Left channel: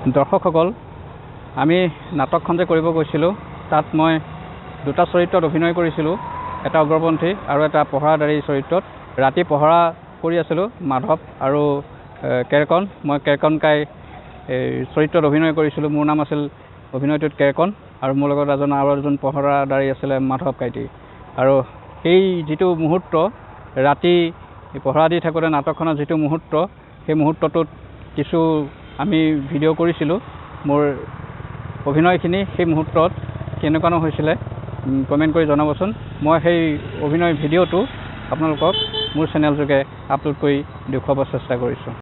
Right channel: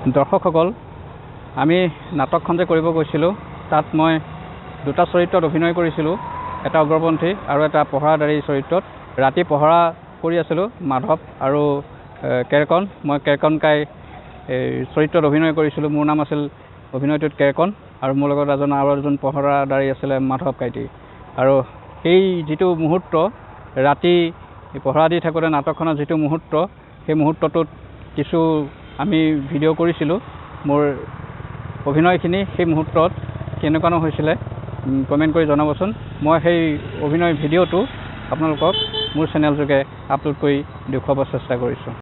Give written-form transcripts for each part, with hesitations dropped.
দৰ্শকসকল, আমি নাটকখন যে কৰিব গৈছিলোঁ তাত মই দুটা চৰিত্ৰত অভিনয় কৰিছিলোঁ, এটা উগ্ৰপন্থী আৰু এটা পহৰাদাৰী চৰিত্ৰত। ৰাতি পহৰা কৰি আছিলোঁ মাধৱ আৰু কেৰকন। মই কেৰকন কাই চৰিত্ৰত অভিনয় কৰিছিলোঁ। মোৰ নাম আছিল অভিনয়টোত কেৰকন আৰু মোৰ লগত আৰু এজন পহৰাদাৰী আছিলে মাধৱ কাইতি। আৰু সেই যিটো মুহূৰ্ত ৰাতি পহৰা দি থাকোঁতে নাটকখনৰ যিটো মুহূৰ্ত, সেই মুহূৰ্তটোত কিছু আমি ভিডিঅ' কৰিছিলোঁ মোৰ অভিনয়খিনি। সেই মুহূৰ্তত কেনেকুৱানো হৈছিলে কমেণ্ট কৰি জনাবচোন। মই সেই অভিনয় ভিডিঅ'টো আপোনালোকক মোৰ চেনেলযোগে আপলোড কৰি দেখুৱাব চেষ্টা কৰিছোঁ।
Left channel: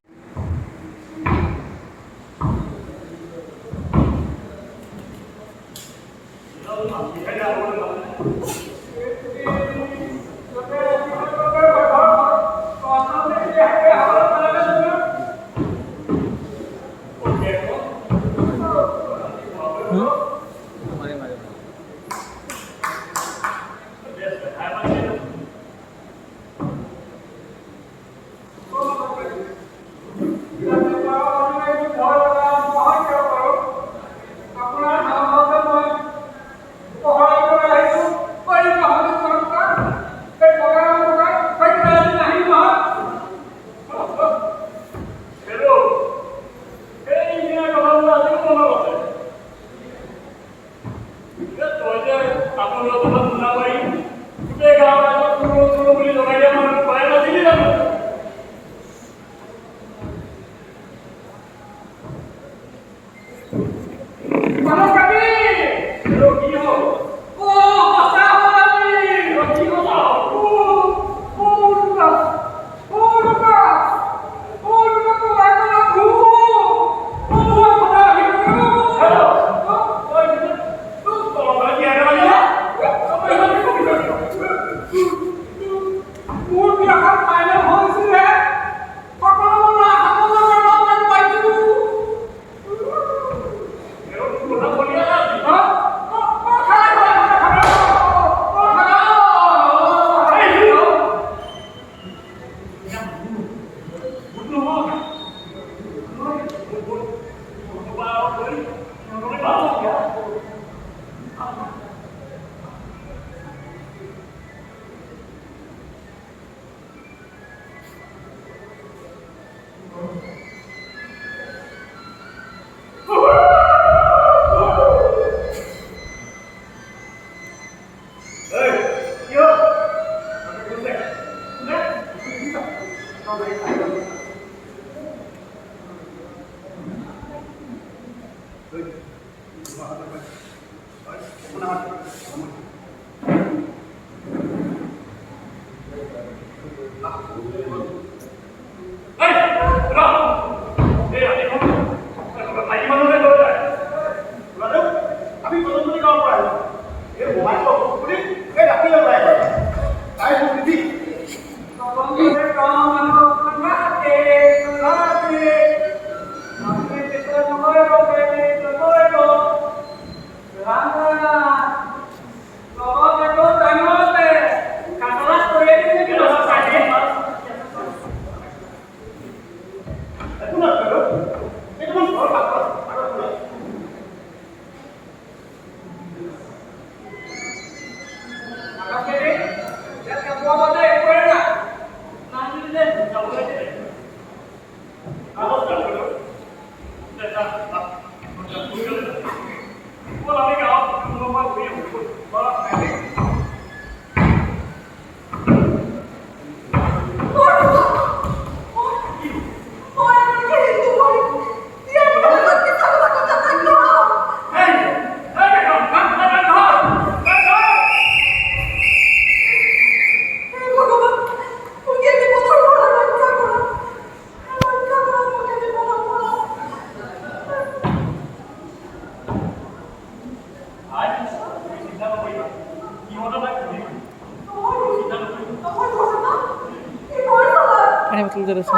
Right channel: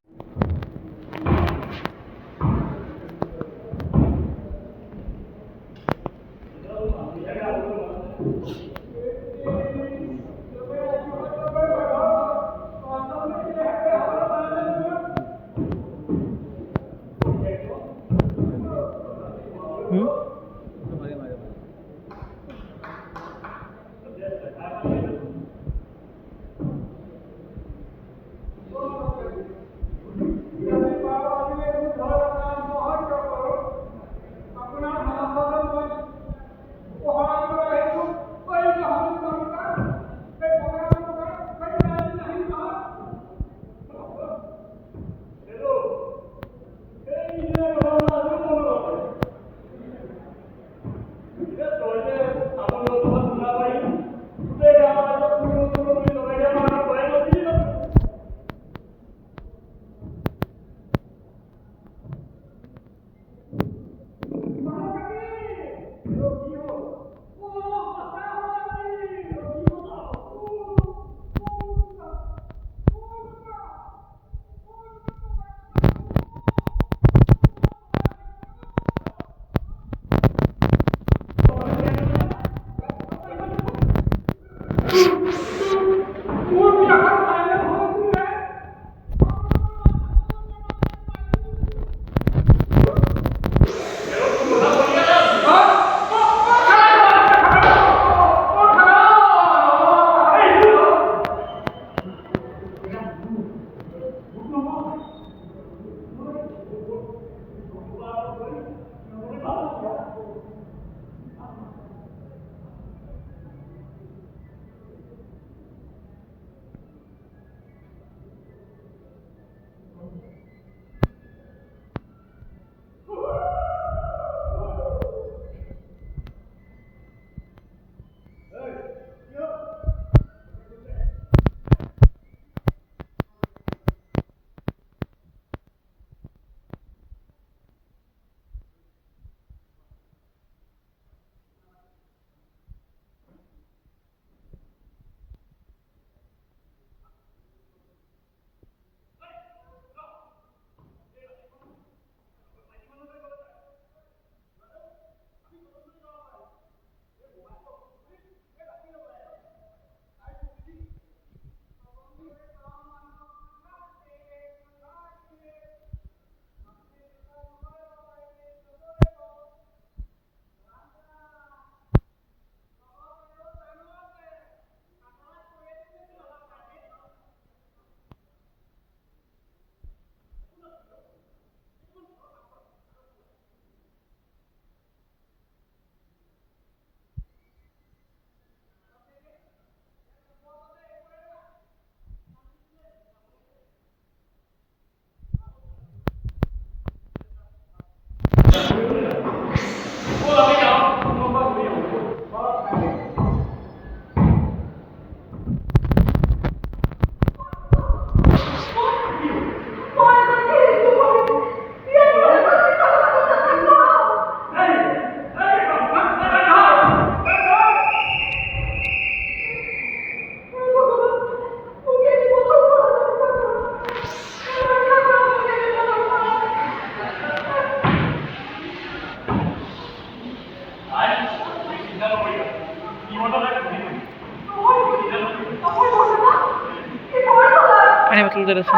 betul terus.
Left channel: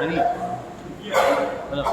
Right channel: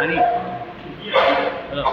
Ani. Halo.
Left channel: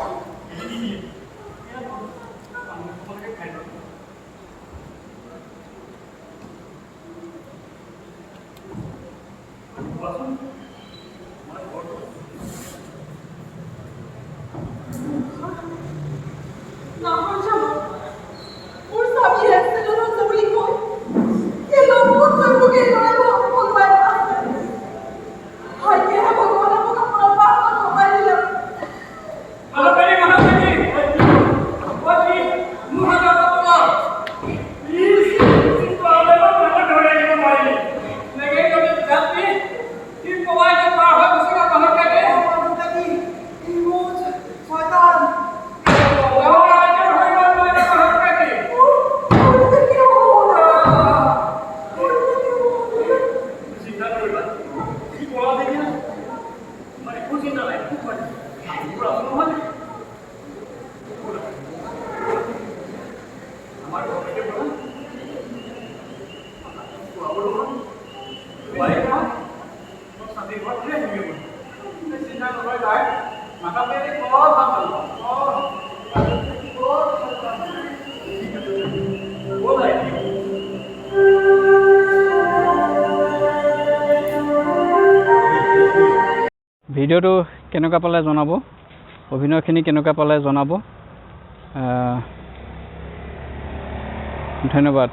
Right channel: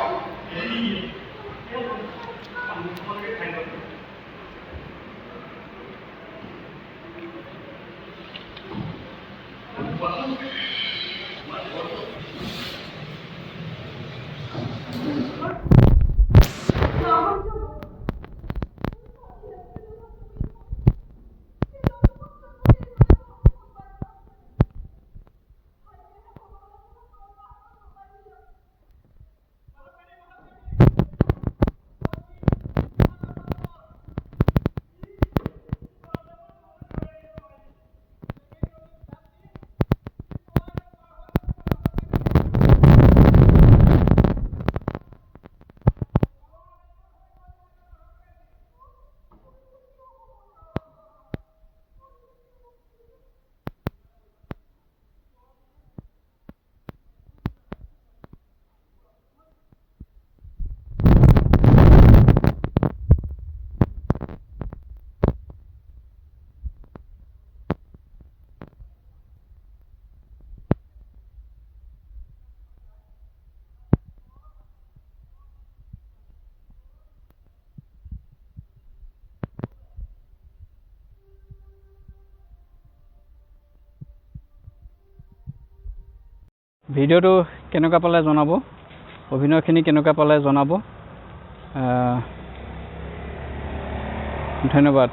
ভিডিঅ'টো কেনেকুৱা পালে জনাব, অভিনয়খিনি কেনেকুৱা পালে জনাব। ধন্যবাদ।